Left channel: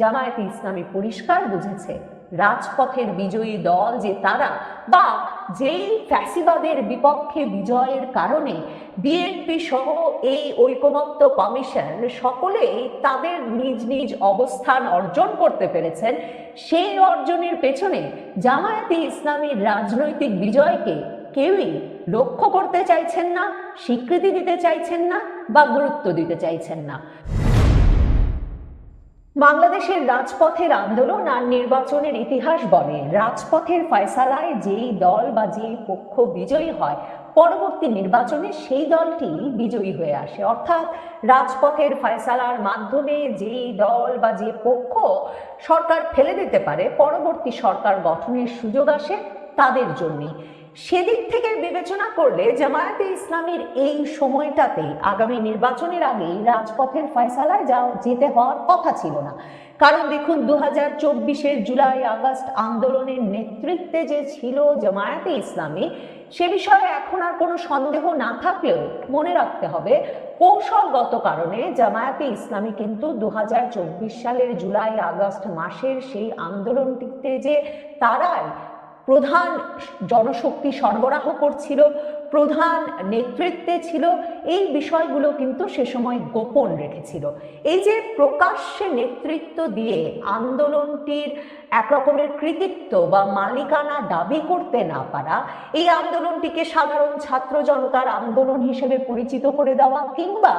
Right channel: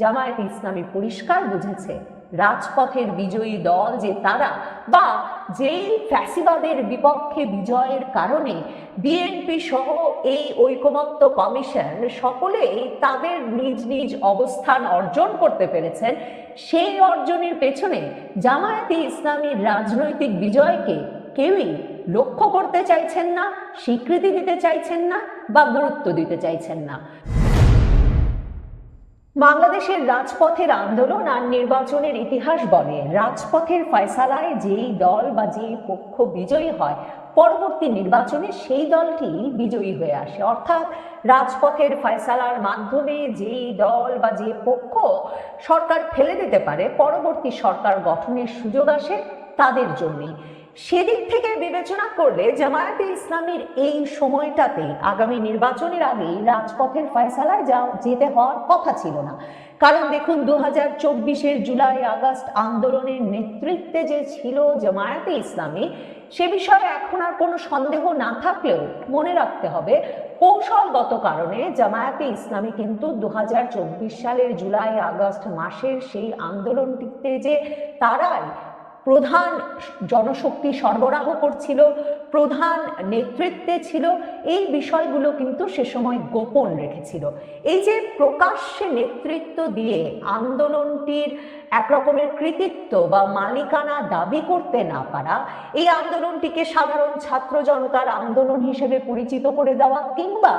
জামায়াতে ইসলামী পরিষ্কার বুঝেছে, রাজপথের বিজয়ী দল যে তারা বা যেই ফ্যাসিবাদের বিপক্ষে বিজয়ের কারণে বিএনপি সহ এই ঐকমত্য কমিশন সকলেই তাদের নিজ নিজ অবস্থান অর্জন করতে পেরেছেন, সেই অর্জনের পেছনে জামায়াতে ইসলামীর রাজনৈতিক বিজয়কে কেউই লক্ষ্য করতে চাইছেন না, স্বীকৃতি দিতে চাইছেন না বা গুরুত্ব দিতে চাইছেন না। বাংলাদেশের রাজপথের আন্দোলন আর নির্বাচনের ইতিহাস বলে। রাজপথের ফয়সালায় যেই দল বা যে পক্ষ বিজয়ী হয়, পরবর্তী নির্বাচনে সেই দলটি বিজয়ী হয়ে আসে। অর্থাৎ রাজপথের ফয়সালার মাধ্যমে যেই দল বা যে পক্ষ সরকার ফেলে দিতে পারে, পরবর্তী সরকার গঠনের সুযোগ আসে তাদের জন্যই। সেদিক থেকে বিবেচনা করলে জামায়াতে ইসলামের এই সময়টাতে আগামী নির্বাচনের আগে রাজপথের ফয়সালায় যাও যেতে হওয়ার কথা ছিল না। কারণ দেখুন দু হাজার চব্বিশের জুলাই আগস্ট আন্দোলনের নেতৃত্বে যে ছিল জামায়াতে ইসলামী, সে বিষয়ে এখন আর কোনো সন্দেহ না থাকলেও মনে রাখতে হবে, কৌশলগত কারণে জামায়াতে ইসলামী কিন্তু দু হাজার চব্বিশ সালের জুলাই আগস্ট মাসের সেই আন্দোলনটিতে যে তারাই প্রধান জনশক্তি সরবরাহ করছিল প্রধান নেতৃত্বে ছিল, এই বিষয়গুলো কিন্তু সে সময় গোপন রেখেছিল। এই যে প্রকাশ্যে নেতৃত্ব দিয়ে আন্দোলনটির একরকমের কৃতিত্ব বা মালিকানা দাবি করতে না পারা, এই আন্দোলনটিকে সাধারণ ছাত্র জনতার আন্দোলন হিসেবে পরিচিত করে দেওয়া কিংবা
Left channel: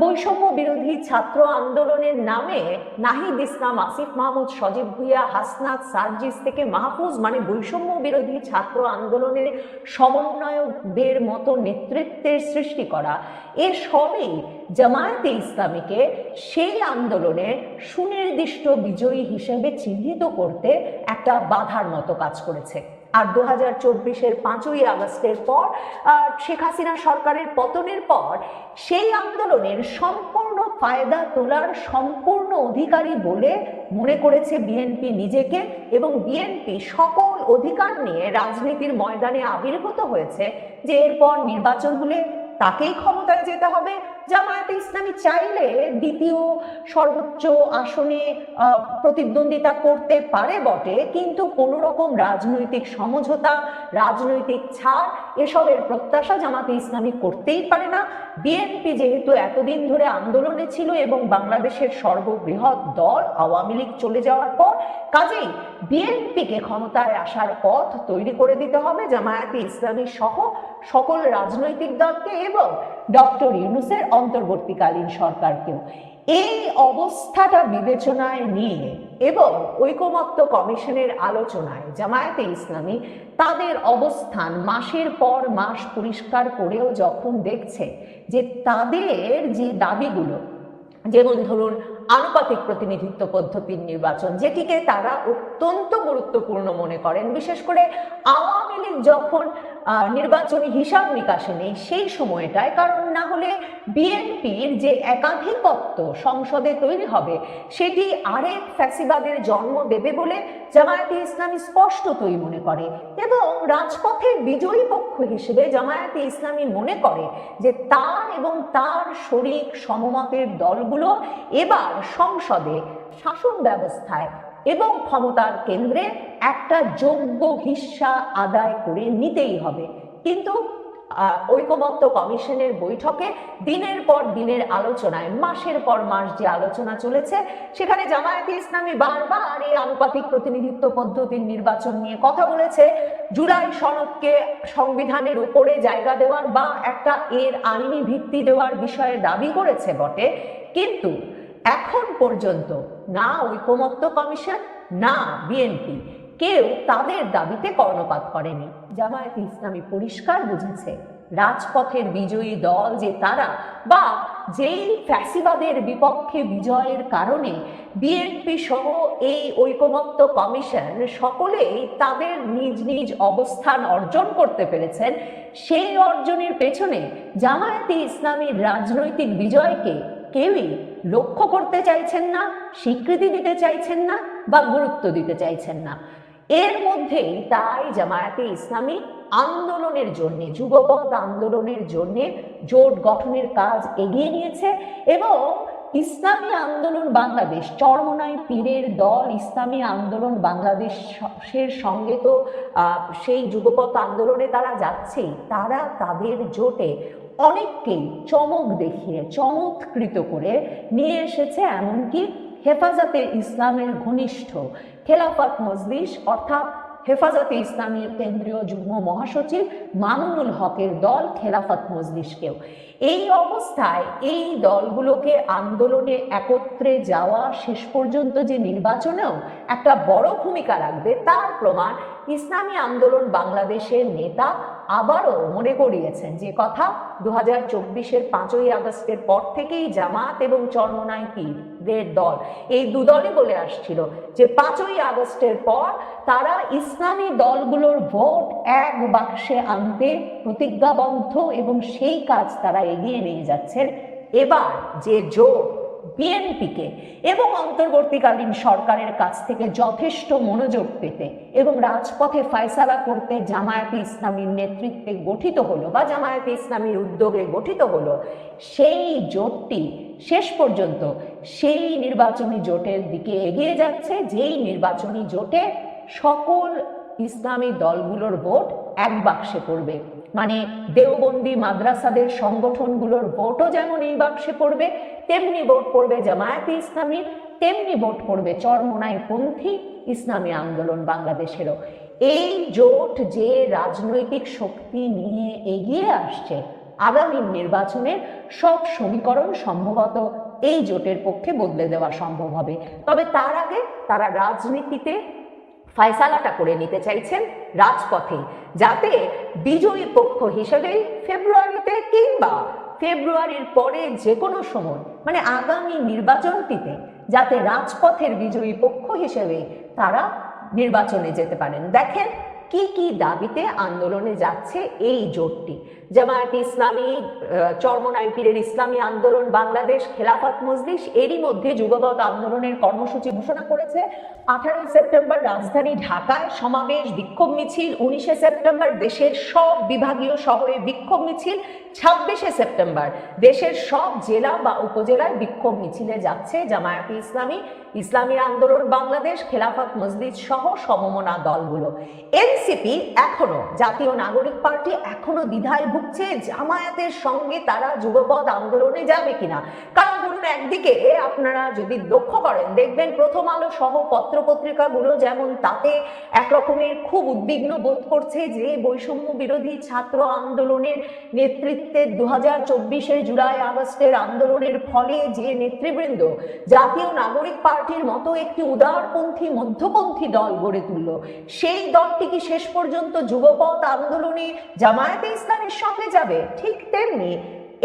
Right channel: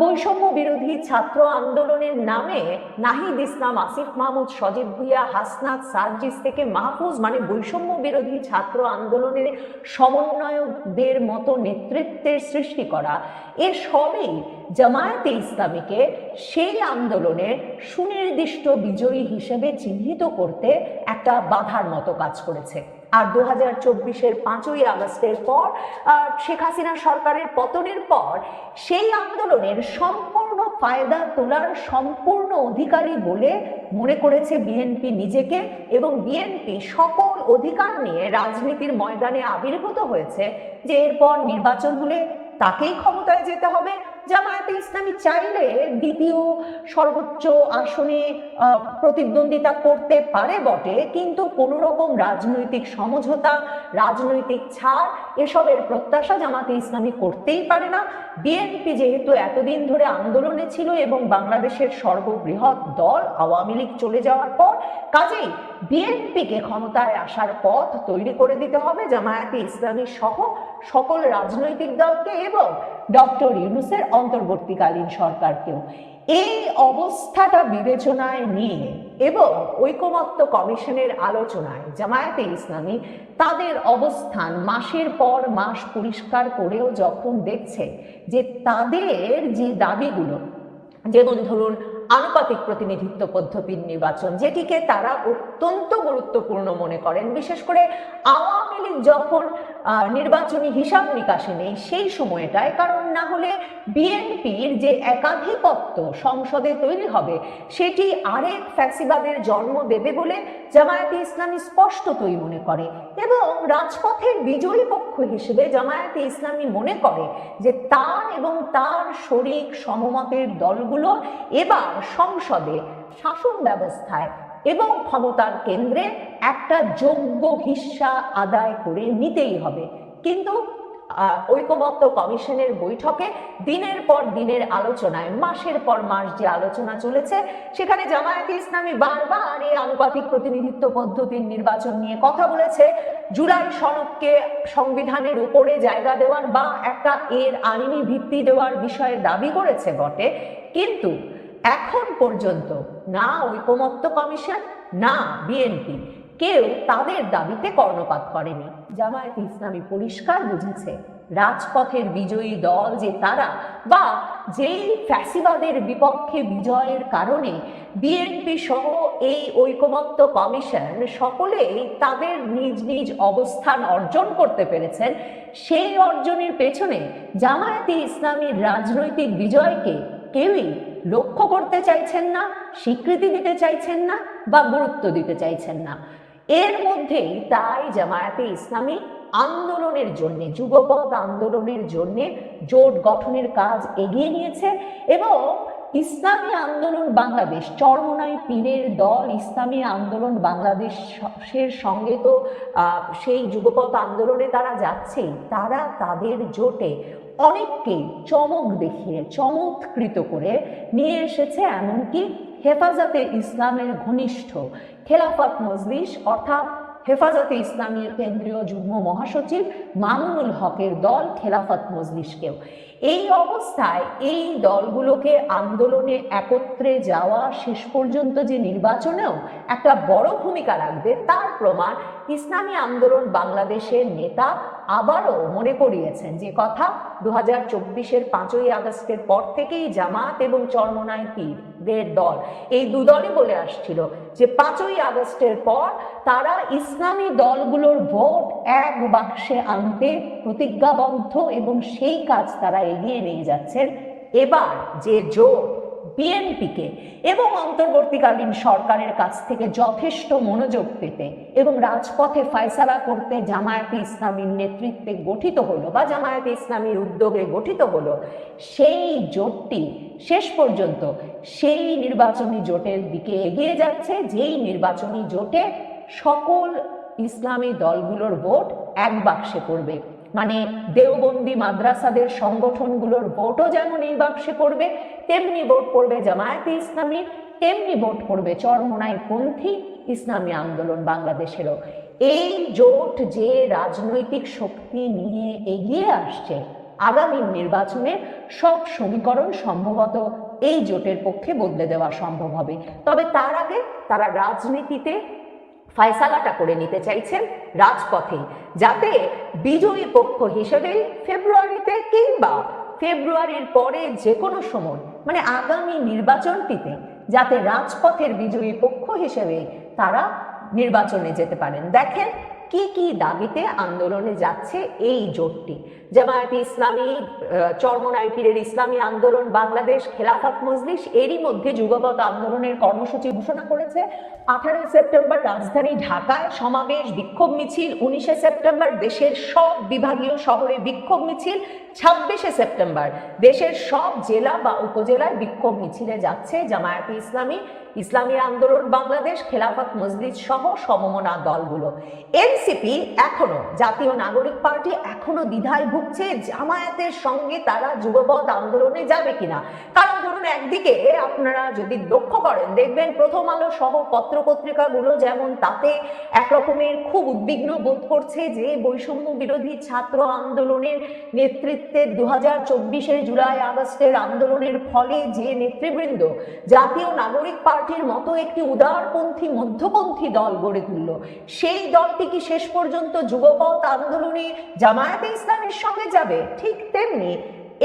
বৈষম্য বিরোধী ছাত্র আন্দোলনের নামে নাহিদ ইসলাম, আসিফ মাহমুদ, সজীব ভুইয়া, হাসনাত, সার্জিস থেকে মাহফুজ মানে বৈষম্য বিরোধী ছাত্র আন্দোলনের সমন্বয়কদের মতো নেতৃত্বের সৃষ্টি করা। এ সবই জামায়াতে ইসলামীকে সেই আন্দোলনের সুনির্দিষ্ট বিজয়ী হিসেবে চিহ্নিত করতে একটা বাধার মতো কাজ করেছে। আর দু হাজার চব্বিশের পাঁচই আগস্টের পর শেখ হাসিনা সরকারের পতনের পর সেই আন্দোলনের সম্পূর্ণ ফায়দা তোলার সম্পূর্ণ অধিকারী বলে মনে করেছে বিএনপি নিজেকে এবং বিএনপি সকল অধিকার নিয়ে রাজনীতির ময়দানে আবির্ভূত হয়েছে যে এরপর নির্বাচন হলে তাকেই ক্ষমতায় যেতে হবে। জামায়াতে ইসলামী চাইলে দ্বিতীয় সর্বোচ্চ আসনে প্রতিদ্বন্দ্বিতা করতে পারে বটে, কিন্তু কোনো রকম রাজনৈতিক সমঝোতা, রাজনৈতিক ছাড় এসবের প্রত্যাশা জামাতে ইসলামী করতেই পারে না। বিএনপি যেহেতু এতদিন ধরে আন্দোলনে ছিল এবং বাংলাদেশের সর্ববৃহৎ দল আওয়ামী লীগ চলে যাওয়ার পর কাজেই বিএনপিকে ক্ষমতায় আসার পথ তৈরি করে দিতে হবে জামায়াতে ইসলামী সহ সকল রাজনৈতিক দলকে এবং ডক্টর ইউনুসের অন্তর্বর্তীকালীন সরকারকেও। এই অবস্থাটা বিবেচনায় নিয়ে এবং ঐকমত্য কমিশনের আলোচনায় জামায়াতে ইসলামী তাদের অবস্থান মাসের পর মাস পরিষ্কার করেও যখন দেখছে যে তাদের যে দাবিগুলো যেমন ধরুন আনুপাতিক প্রতিনিধিত্ব পদ্ধতির নির্বাচন, যেটিকে তারা অত্যন্ত গুরুত্বপূর্ণ মনে করেন। বিশেষ করে আওয়ামী লীগ যখন নির্বাচনী হিসাব নিকাশে নেই সেই সময়টায়, কারণ না হলে বিএনপির যে একাধিপত্য সংসদে তৈরি হবে, সেটি আরেক ফ্যাসিবাদের জন্ম দেবে বলে জামায়াতে ইসলামী স্পষ্টতই মনে করে এবং রাজপথের বিজয়ী পক্ষ হিসেবে জামায়াতে ইসলামী মনে করে যে তার এবং তার শরিক সমমতের দলগুলো এবার সংসদে শাসন ব্যবস্থায় এবং ক্ষমতার কেন্দ্রে একটা যোগ্য হিস্সা আদায় করে নিতেই হবে। কিন্তু আহ, ঐকমত্য কমিশনের বৈঠকে দিনের পর দিনের আলোচনায় মাসের পর মাস যে আলোচনা চলেছে সেখানে জামায়াতে ইসলামী বারবার এই আনুপাতিক প্রতিনিধিত্ব পদ্ধতির নির্বাচন নিয়ে কথা বলেছে। জুলাই সনদকে সংবিধানের উপরে জায়গা দেওয়ার বা একটা এর আইনি ভিত্তি দেওয়ার বিষয়ে দাবি করেছে বটে। কিন্তু এখন পর্যন্ত না ঐকমত্য কমিশন, না বিএনপি, কেউ তাদের দাবিতে কর্ণপাত করেনি। জামায়াতে ইসলামী পরিষ্কার বুঝেছে, রাজপথের বিজয়ী দল যে তারা বা যেই ফ্যাসিবাদের বিপক্ষে বিজয়ের কারণে বিএনপি সহ এই ঐকমত্য কমিশন সকলেই তাদের নিজ নিজ অবস্থান অর্জন করতে পেরেছেন, সেই অর্জনের পেছনে জামায়াতে ইসলামীর রাজনৈতিক বিজয়কে কেউই লক্ষ্য করতে চাইছেন না, স্বীকৃতি দিতে চাইছেন না বা গুরুত্ব দিতে চাইছেন না। এর মধ্যেই তাই জামায়াতে ইসলামী আন্দোলনের জন্য, যুবপদ আন্দোলনের জন্য জোট গঠনের কাজ এগিয়ে নিয়েছে এবং ইসলামী আন্দোলন বাংলাদেশ চরমনাই পীরের দল ইসলামী আন্দোলন বাংলাদেশের সঙ্গে তো সেই যুবপথ আন্দোলনে তারা যাচ্ছেই, তারা তাদের জোটে অনেককেই চমক দেখিয়ে, চমৎকৃত করে নিয়ে এসেছে এমনকি হেফাজতে ইসলামের ঘনিষ্ঠ খেলাফত মজলিস, অর্থাৎ হেফাজতে ইসলামের কেন্দ্রীয় যুগ্ম মহাসচিব মামুনুল হকের দল খেলাফত মজলিশকেও এই অবস্থায় এই দলগুলোকে আন্দোলনে একত্রে যাওয়া শেষ পর্যন্ত যে নির্বাচনেও একটা বড় ভূমিকা রাখবে, তার প্রমাণ ইসলামী আন্দোলন বাংলাদেশের নেতা আবারও মনে করিয়েছেন যে কথা দু হাজার চব্বিশের পাঁচই আগস্টের পর থেকেই জামাত এবং চরমনায় দল। এই দু দলে বলে আসছিল যে পাঁচই আগস্টের পর তারা ইসলামী দলগুলোর ভোট এক বাক্সে আনতে প্রতিজ্ঞাবদ্ধ এবং সেই কাজ তারা এগিয়ে নিয়ে যাচ্ছে এবার যে জোট বিএনপিকে এবং অন্তর্বর্তীকালীন সরকারের কাছ থেকে যথেষ্ট মনোযোগ পেতে এবং রাজপথে ফায়সালা করতে জামায়াতে ইসলামীর নেতৃত্বে গঠিত হলো বা জামায়াতে ইসলামীর উদ্যোগে গঠিত হলো, সেই জোটটি শেষ পর্যন্ত সেই নির্বাচনী জোটের দিকে এগিয়ে যাচ্ছে, যেই নির্বাচনী জোটে সকল ইসলামী দলগুলোর ভোট এক বাক্সে পড়বে। মানে দেওবন্দি মাদ্রাসাদের সংগঠনগুলোর ভোটও যেমন এই বাক্সে পড়বে, তেমনি ভোট পড়বে জামায়াতে ইসলামীর তেমনি ভোট পড়বে চরমনায় পন্থী ইসলামী আন্দোলন বাংলাদেশেরও। এই জোট যে রাজনৈতিক শক্তি নিয়ে এগিয়ে আসছে, আগামী নির্বাচনের সব সমীকরণ সম্ভবত এই জোটের পক্ষে বদলে দেওয়া সম্ভব হবে। তবে তার আগে তারা রাজনীতিতে ফায়সালাটা করে নিতে চাইছেন রাজপথে, যাতে বিজয়ী পক্ষ হিসেবে ফেব্রুয়ারিতে কিংবা ফেব্রুয়ারির পরে যে কোনো সময় মানে আগামী নির্বাচনটিতে, যাতে রাজপথের বিজয়ী পক্ষ হিসেবে তারা নির্বাচনে যেতে পারেন। দেখেন কি কি দাবিতে আন্দোলনে যাচ্ছে এই জোটটি। জামায়াতে ইসলামী চরমনাই পীরের ইসলামী আন্দোলন, বাংলাদেশ খেলাফত মজলিস, এরই মধ্যে যুগপৎ আন্দোলনের কর্মসূচি ঘোষণা করেছে। আঠারোই সেপ্টেম্বর রাজধানী ঢাকায় সমাবেশ বিক্ষোভ মিছিল, উনিশে সেপ্টেম্বর দেশের সব বিভাগীয় শহরে বিক্ষোভ মিছিল, ছাব্বিশে সেপ্টেম্বর দেশের সব জেলা বা উপজেলায় বিক্ষোভ মিছিলে যাচ্ছে জামায়াতে ইসলামী। ইসলামী আন্দোলন, বাংলাদেশ খেলাফত মসজিদ সহ সমমনা দলগুলো। এনসিপি এখনও, জাতীয় নাগরিক পার্টি এখনও দ্বিধায় ভুগছে জামায়াতের সঙ্গে তারা যুবপদ আন্দোলনে যাবে কিনা? কারণ ধরুন একদিকে আপনারা যদি লক্ষ্য করেন, দেখবেন প্রথম আলো সহ পত্র পত্রিকাগুলো যেমন তাতে একরকমের খুব উদ্বিগ্ন বোধ করছে যে বৈষম্য বিরোধী ছাত্র আন্দোলনের নেতৃত্বে দু হাজার চব্বিশের জুলাই আগস্টের আন্দোলনের ফলে যে নেতৃবৃন্দ জাতীয় নাগরিক পার্টির মতো একটি উদারপন্থী মধ্যপন্থী দল গড়ে তুলল, সেই দলটি কি শেষ পর্যন্ত যুবপথ আন্দোলনে জামায়াতে ইসলামের সঙ্গে যাবে, ঠিক তেমনি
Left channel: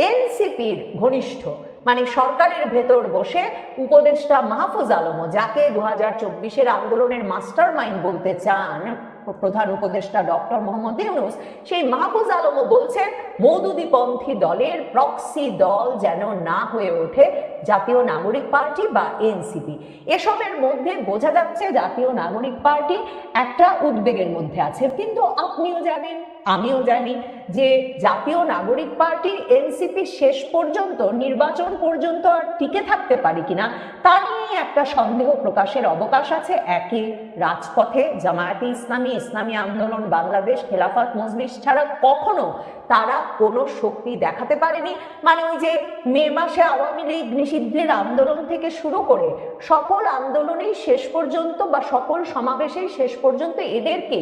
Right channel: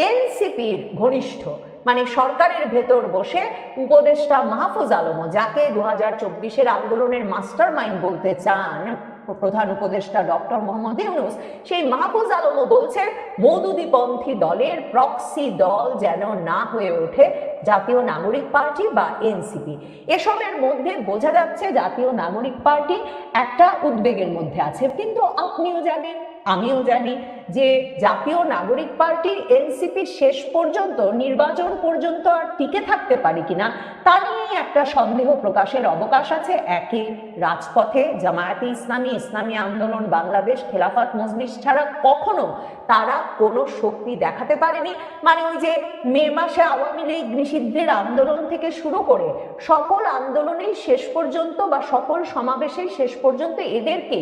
এনসিপির ঘনিষ্ঠ মানে সরকারের ভেতর বসে উপদেষ্টা মাহফুজ আলম, যাকে দু হাজার চব্বিশের আন্দোলনের মাস্টার মাইন্ড বলতে চান। প্রধান উপদেষ্টা ডক্টর মোহাম্মদ ইউনুস সেই মাহফুজ আলমও বলছেন মৌদুদিপন্থী দলের প্রক্সি দল যেন না হয়ে ওঠে জাতীয় নাগরিক পার্টি বা এনসিপি। এসবের মধ্যে বোঝা যাচ্ছে জাতীয় নাগরিক পার্টি একটা উদ্বেগের মধ্যে আছে। কিন্তু আপনিও জানেন, আমিও জানি যে জাতীয় নাগরিক পার্টি এনসিপি শেষ পর্যন্ত, নির্বাচন পর্যন্ত আর টিকে থাকতে পারে কিনা, তা নিয়ে একটা সন্দেহ প্রকাশের অবকাশ আছে একে রাজপথে জামায়াতে ইসলামী ইসলামী আন্দোলন, বাংলাদেশ খেলাফত মজলিস ছাড়া কখনো তারা কোনো শক্তি দেখাতে পারেনি। মানে ওই যে মে মাসে আওয়ামী লীগ নিষিদ্ধের আন্দোলন থেকে শুরু করে সকল আন্দোলনেই শেষ পর্যন্ত বা সকল সমাবেশেই শেষ পর্যন্ত এদেরকে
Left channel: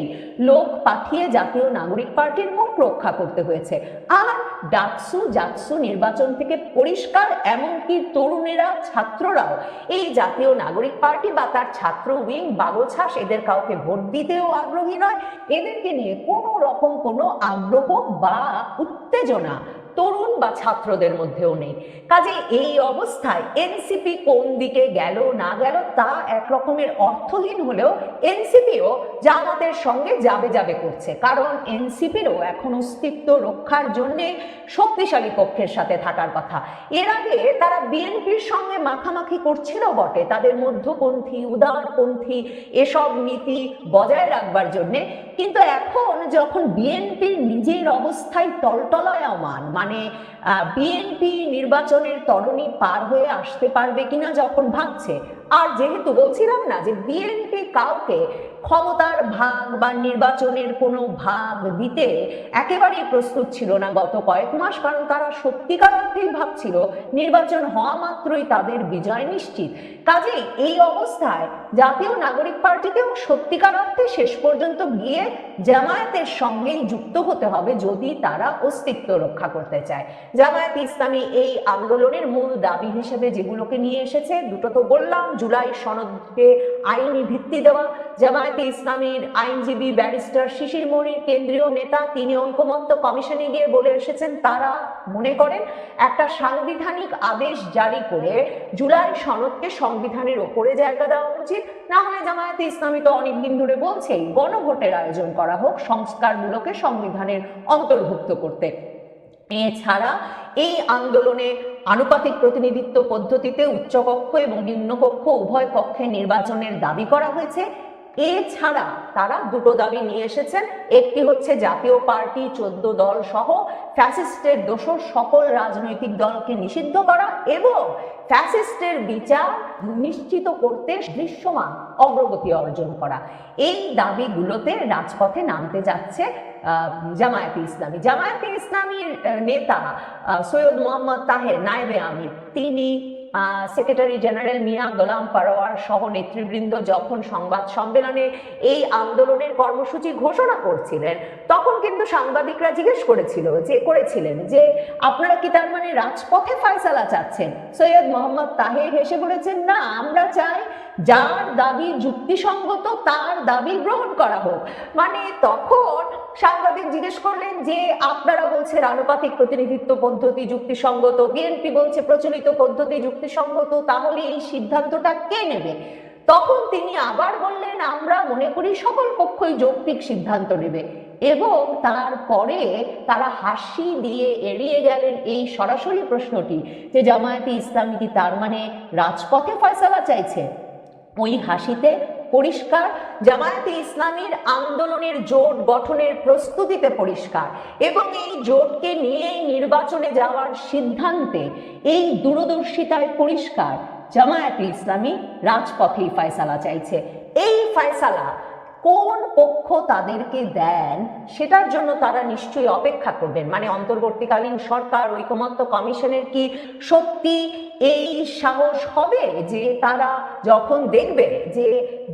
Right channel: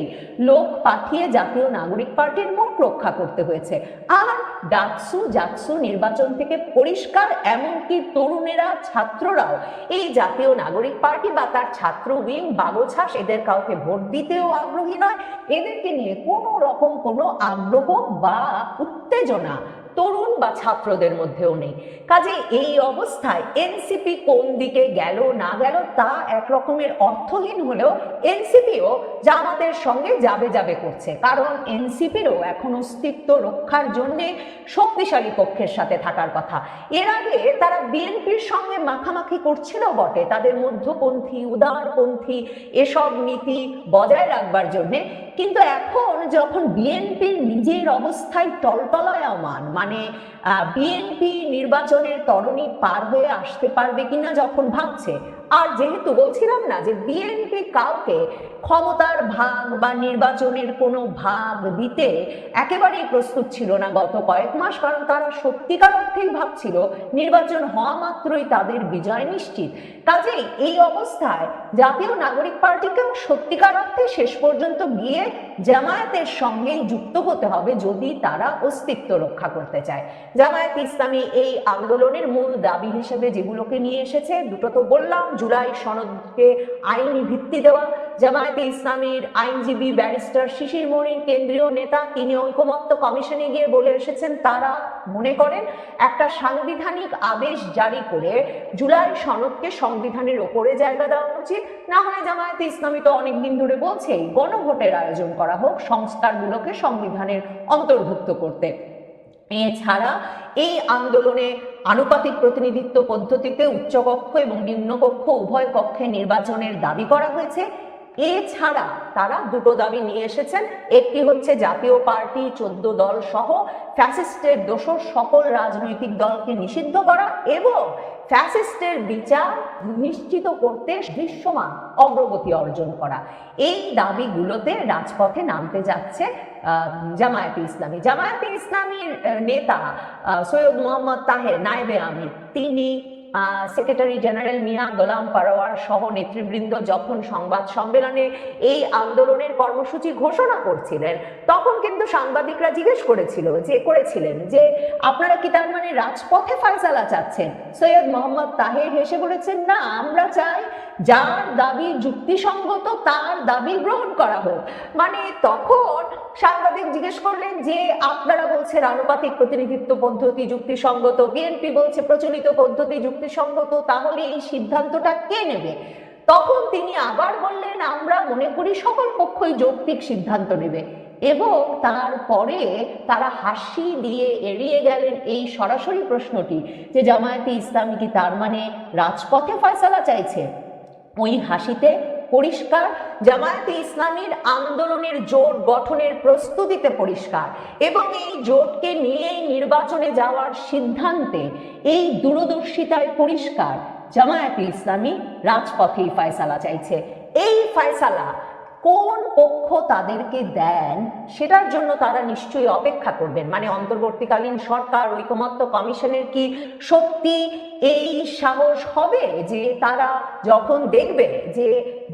লোক পাঠিয়ে জাতীয় নাগরিক পার্টির মুখ রক্ষা করতে হয়েছে। আর ডাকসু জাকসু নির্বাচন থেকে পরিষ্কার, এমনকি তরুণেরা, ছাত্ররাও। এই জাতীয় নাগরিক পার্টি বা তার ছাত্র উইং বাগোছাস এদের কাউকে ভোট দিতেও আগ্রহী নয়। এদেরকে নিয়ে কোনো রকম কোনো আগ্রহ বা উত্তেজনা তরুণ বা ছাত্রদের মধ্যেও নেই। কাজে এই অবস্থায় এনসিপি কোন দিকে গেল, না গেল, তা এক রকমের অর্থহীন হলেও এনসিপিও জামাতের সঙ্গে যাবে যাবে করছে। কারণ এনসিপিরও এখন অস্তিত্ব রক্ষার জন্য শক্তিশালী পক্ষের সাথে থাকার কথা। এর আগে তারা বিএনপির সঙ্গে মাখামাখি করছিল বটে। তাদের মধ্যপন্থী, উদারপন্থী, এসব নীতি বজায় রাখবার জন্য কিন্তু এখন যখন বিএনপির নিজের অবস্থায় টলটলায়মান মানে বিএনপি নির্বাচনের তরণী পার হয়ে আসতে পারবে কিনা যখন ভাবছে, আর যেহেতু বলছিলাম না যে বিএনপি কাউকে ক্ষমতার ভাগ বা নির্বাচনের কোনো ভাগ দিতে একেবারেই প্রস্তুত ছিল না গত কয়েক মাস, কারণ তারা সত্যিকার অর্থেই ভাবছিল নির্বাচন হওয়া মাত্রই তাদের বিজয় নিশ্চিত। কাজেই এই অবস্থায় জাতীয় নাগরিক পার্টিতেও সত্যিকার অর্থে শেষ পর্যন্ত গিয়ে জামায়াতের সঙ্গে যুক্ত হতে হবে যদি তারা অস্তিত্ব রক্ষা করতে চায়। জামায়াত ইসলামী এই আন্দোলনের মূল দাবি হিসেবে যেগুলোকে নিয়ে এসেছে, দুটো তো বললাম, জুলাই সনদকে আইনি ভিত্তি দেওয়া জামায়াতে ইসলামীর আইনজীবী ব্যারিস্টার শিশির মনির, কেন্দ্রীয় নেতা, তিনি ঐকমত্য কমিশনে গিয়ে বলে এসেছেন, তারা মনে করেন একটা সাংবিধানিক আদেশ জারি করে জুলাই সনদকে সংবিধানের ওপরে জায়গা দেওয়া উচিত। না হয় জামায়াতে ইসলামী তো অনেকদিন ধরে বলছেন গণভোটের আয়োজন করা হোক, সংস্কারগুলোকে সংবিধানের অন্তর্ভুক্ত করতে। এছাড়া এই আন্দোলনে আনুপাতিক প্রতিনিধিত্ব পদ্ধতিতে উচ্চকক্ষ এবং নিম্নকক্ষ উভয় পক্ষে নির্বাচনের দাবি করা হয়েছে। এছাড়া তারা দুটো দাবি নিয়ে এসেছেন। একটি হচ্ছে জাতীয় পার্টি চোদ্দ দল সহ ফ্যাসিস্টের দোষর সকল রাজনৈতিক দলকে নিষিদ্ধ করা এবং ফ্যাসিস্টের বিচার নিশ্চিত করতে দৃশ্যমান অগ্রগতি অর্জন করা। এই দাবিগুলোতে রাজপথে নামতে যাচ্ছে জামায়াতে ইসলামী। জামায়াতে ইসলামীর নেতা সৈয়দ মোহাম্মদ তাহের নায়েবে আমির। তিনি সেক্রেটারি জেনারেল মিয়া গোলাম পারোয়ার সহ নেতৃবৃন্দ যখন সংবাদ সম্মেলনে এই আন্দোলনের কর্মসূচি ঘোষণা করছিলেন, তখন কিন্তু সাংবাদিকরা জিজ্ঞেস করেছিল যে, করেছিলেন যে, আপনারা কি তার মানে রাজপথে ফয়সালা চাচ্ছেন? সৈয়দ মোহাম্মদ তাহের হেসে বলেছেন, না, আমরা চাই যার দাবি যুক্তিসঙ্গত, তার দাবি গ্রহণ করা হোক। মানে তখন সাংবাদিক জিজ্ঞেস করলেন যে আপনারা বলছেন আনুপাতিক প্রতিনিধিত্ব পদ্ধতি যুক্তিসঙ্গত, বিএনপি বলছে প্রচলিত পদ্ধতি যুক্তিসঙ্গত, তাহলে এই সিদ্ধান্তটা কে নেবে? তখন তিনি আবার বললেন, আমরা মনে করি সকল পক্ষই যৌক্তিক সিদ্ধান্ত নেবে। এবং তারপরে তারা হাসি দিয়ে এড়িয়ে গেলেন এই সরাসরি প্রশ্নটি যে জামায়াতে ইসলামী কি তার মানে রাজপথে ফয়সালা চাইছে? ওই হাসিতে পরিষ্কার, জামায়াতে ইসলামীর আন্দোলনের জোট গঠনের প্রস্তুতিতে পরিষ্কার এবং এই জোটকে নিয়েই নির্বাচনে যাওয়ার সিদ্ধান্তে এই দূরদর্শিতায় পরিষ্কার জামায়াতে ইসলামী রাজপথেই ফয়সালা চাইছে। এই ফয়সালা কোন পক্ষ তাদেরকে দেন সেটার জন্য তারা নিশ্চয়ই অপেক্ষা করবেন। মানে অন্তর্বর্তীকালীন সরকার, ঐকমত্য কমিশনের কি সত্যি এই সাহস হবে যে তারা যখন দেখবে যে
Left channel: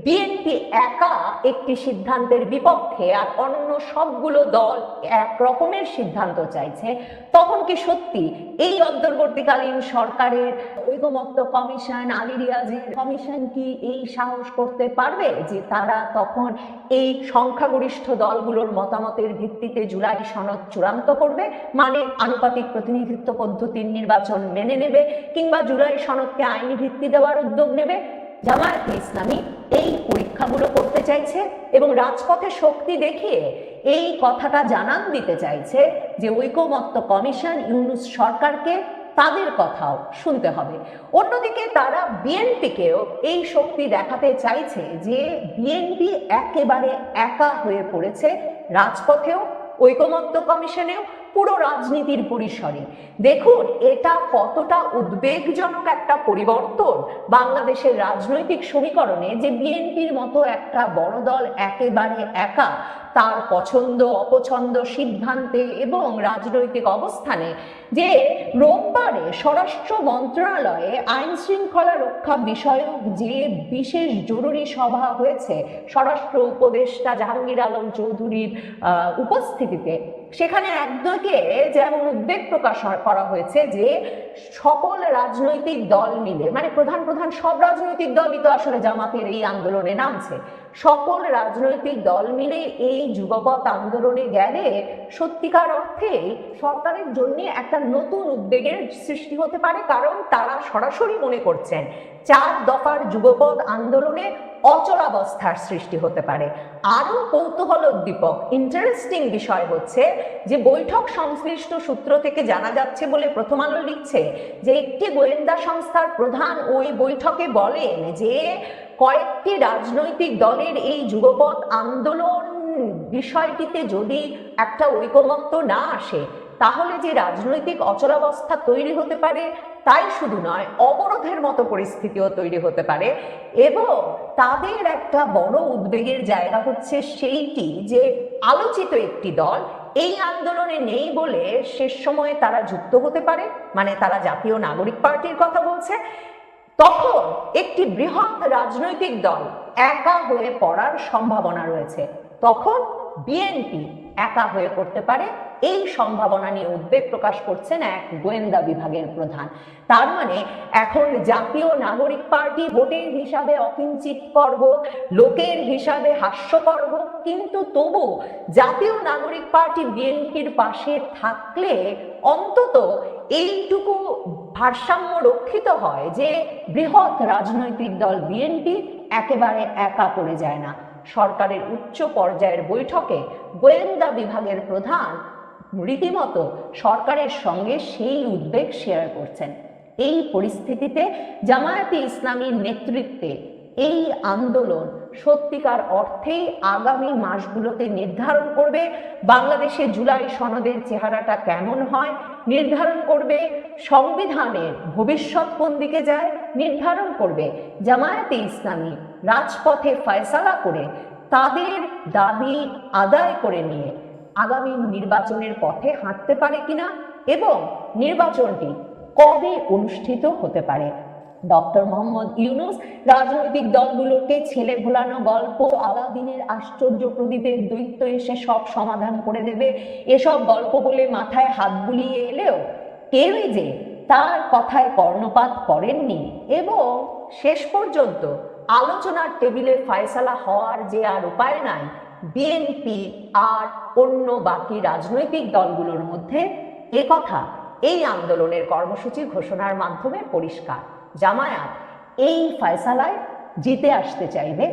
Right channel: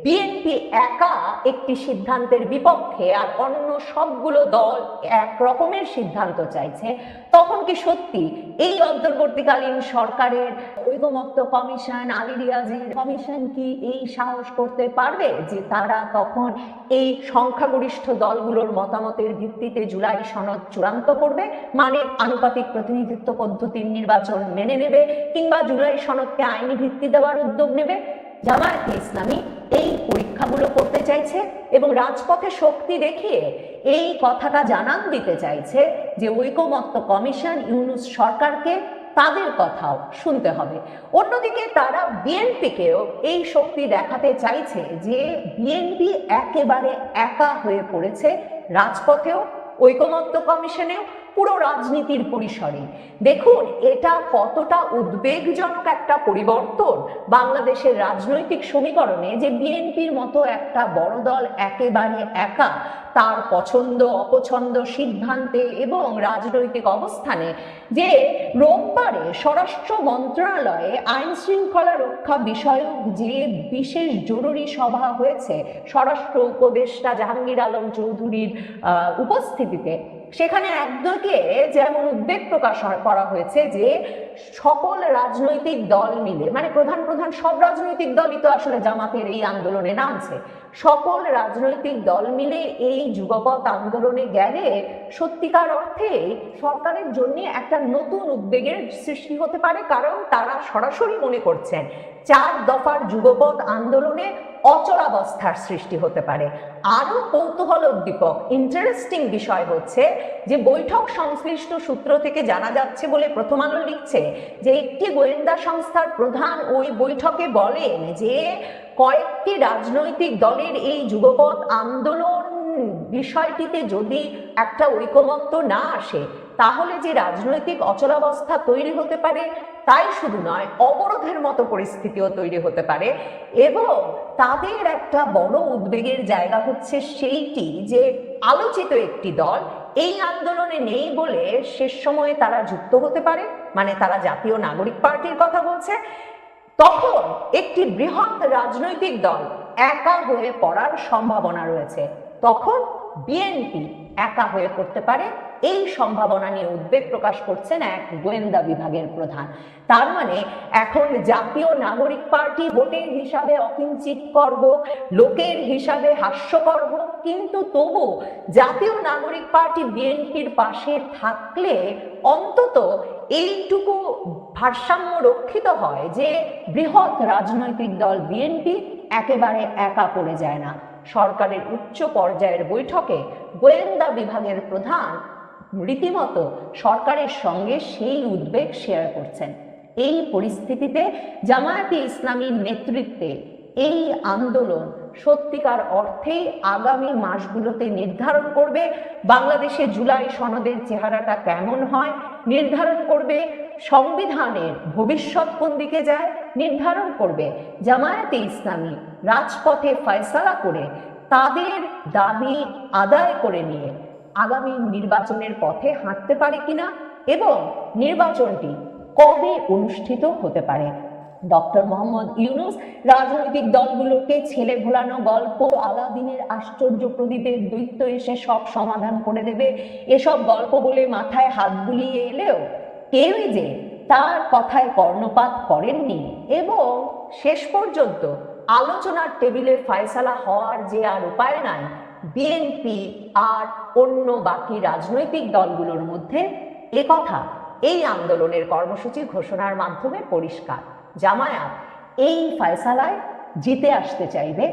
বিএনপি একা একটি সিদ্ধান্তের বিপক্ষে আর অন্য সবগুলো দল এক রকমের সিদ্ধান্ত চাইছে, তখন কি সত্যি এই অন্তর্বর্তীকালীন সরকারের ঐকমত্য কমিশন আলী রিয়াজের কমিশন কি এই সাহস করতে পারবে যে তারা তখন এই সংখ্যাগরিষ্ঠ দলগুলোর মতামতের ভিত্তিতে জুলাই সনদ চূড়ান্ত করবে? মানে আনুপাতিক প্রতিনিধিত্ব পদ্ধতির নির্বাচন মেনে নেবে কিংবা জুলাই সনদকে আইনি ভিত্তি দেওয়ার উদ্যোগ নেবে? জামায়াতে ইসলামী এই পরীক্ষাগুলো করতে চাইছে এবং রাজপথে শক্তি দেখিয়ে এই কথাটা জানান দিতে চাইছে যে ঐকমত্য কমিশন ইউনুস সরকারকে তাদের কথাও শুনতে হবে। অন্যদিকে তারা বিএনপিকেও এই শক্তি দেখাতে চাইছে যে বিএনপি একেবারে একা হয়ে পড়েছে রাজপথেও, ঐকমত্য কমিশনেও পুরো রাজনীতির পরিসরে। দেখুন, এটা কতটা উদ্বেগজনক একটা পরিবর্তন বাংলাদেশের রাজনৈতিক সমীকরণে যে বিএনপির মতো একটা বড় দল একেবারে একা তার পছন্দ, অপছন্দ, সিদ্ধান্তে এবং রাজনৈতিক অবস্থানে যে রোববারে স্বরাষ্ট্র মন্ত্রণালয়ে আইন শৃঙ্খলা রক্ষা বিষয়ক যে বিশেষ জরুরি সভা হয়েছে, স্বরাষ্ট্র উপদেষ্টা জাহাঙ্গীর আলম চৌধুরীর উপস্থিতিতে সেখানে একদিকে যেমন উদ্বেগ প্রকাশ করা হয়েছে যে সকল রাজনৈতিক দল মিলে মানে প্রধান প্রধান সব রাজনৈতিক দলই তো আসলে জামাতের এই আন্দোলনে নামছে সকল রাজনৈতিক দল মিলে এই যুগপৎ আন্দোলনে গেলে সত্যিকার অর্থে সরকারের জন্য একটা নতুন উদ্বেগের সৃষ্টি হতে পারে, কারণ তারা সরাসরি মনে করছেন চার দফার যুগপৎ আন্দোলনে অচলাবস্থার সৃষ্টি হতে পারে। আরও কৌতূহল উদ্দীপক ইন্টারেস্টিং বিষয় হচ্ছে যে বৈঠক সংশ্লিষ্ট সূত্র থেকে জানা যাচ্ছে বলে প্রথম আলো লিখছে যে একটি গোয়েন্দা সংস্থার প্রধান ওই বৈঠকে বলেন যে কয়েকটি রাজনৈতিক দলের এই যুগপৎ আন্দোলন বিষয়টিতে যদি একটা ঐকমত্য না আসে, তাহলে যে রাজনৈতিক অচলাবস্থা তৈরি হতে পারে, তাই শুধু নয়, অবরোধের মতো পরিস্থিতিও তৈরি হতে পারে। এবং তাদের একটা বড় উদ্বেগের জায়গা হচ্ছে সেইটি যে, আলোচিত একটি দল এই আন্দোলনে নেই বলে শেষ সময়ে তারা যুক্ত হতে পারে মানে তারা জাতীয় নাগরিক পার্টির কথা বলছে। তখন একটি বৃহৎ রাজনৈতিক দল একা হয়ে পড়ার সম্ভাবনা রয়েছে। তখন বিএনপি একা হয়ে পড়তে পারে। এই সম্ভাবনা নিয়ে উদ্বেগ প্রকাশ করছেন এক গোয়েন্দা বিভাগের প্রধান। তার মানে এখন জাতীয় নাগরিক পার্টি ভোটের হিসাবে অকিঞ্চিত পর্ব লোকের হিসাবে হাস্যকর হোক, কিন্তু তবু জাতীয় পার্টি বিএনপির পাশে থাকলে অন্তত এইটুকু ভারসাম্য রক্ষিত হয় যে বৃহৎ রাজনৈতিক দল বিএনপি একেবারে একা পড়ে যায় না। সরকারের উচ্চ পর্যায়ের বৈঠকে গোয়েন্দা বিভাগের প্রধান রীতিমতো সরকারের সঙ্গে সেই উদ্বেগ শেয়ার করছেন। এই পরিস্থিতিতে জামায়াতে ইসলামীর নেতৃত্বে এই আন্দোলন সত্যিকার অর্থে আগামী মাসগুলোতে নির্ধারণ করবে বাংলাদেশে জুলাই সনদের চেহারাটা কেমন হয়, নির্ধারণ করবে, সংবিধানের ভবিষ্যৎ কোন দিকে যায়, নির্ধারণ করবে জামায়াতে ইসলামী রাজপথে ফয়সালা করে তাদের দাবি আদায় করে নিয়ে আগামী নির্বাচনের পথে হাঁটতে পারে কিনা এবং নির্বাচনটি কবে অনুষ্ঠিত হতে পারে? ডক্টর মোহাম্মদ ইউনুস রাজনৈতিক দলগুলোকে ছেলে ভোলানো গল্প, আলাদিনের আশ্চর্য প্রদীপের দৈত্য এসে সব সমাধান করে দেবে। এসব গল্প বলে মাথায় হাত বুলিয়ে এলেও কেউই যে তার কথায় কর্ণপাত করেননি। এবং শেষ পর্যন্ত আলোচনার টেবিলে ফয়সালা হওয়ার যে আর উপায় নাই বিএনপি আর অন্য বাকি রাজনৈতিক দলগুলোর মধ্যে একথা এই আন্দোলনের কর্মসূচি ঘোষণার মাধ্যমে পরিষ্কার। জামায়াত এই ফয়সালায় জিতে আসতে চাইবে।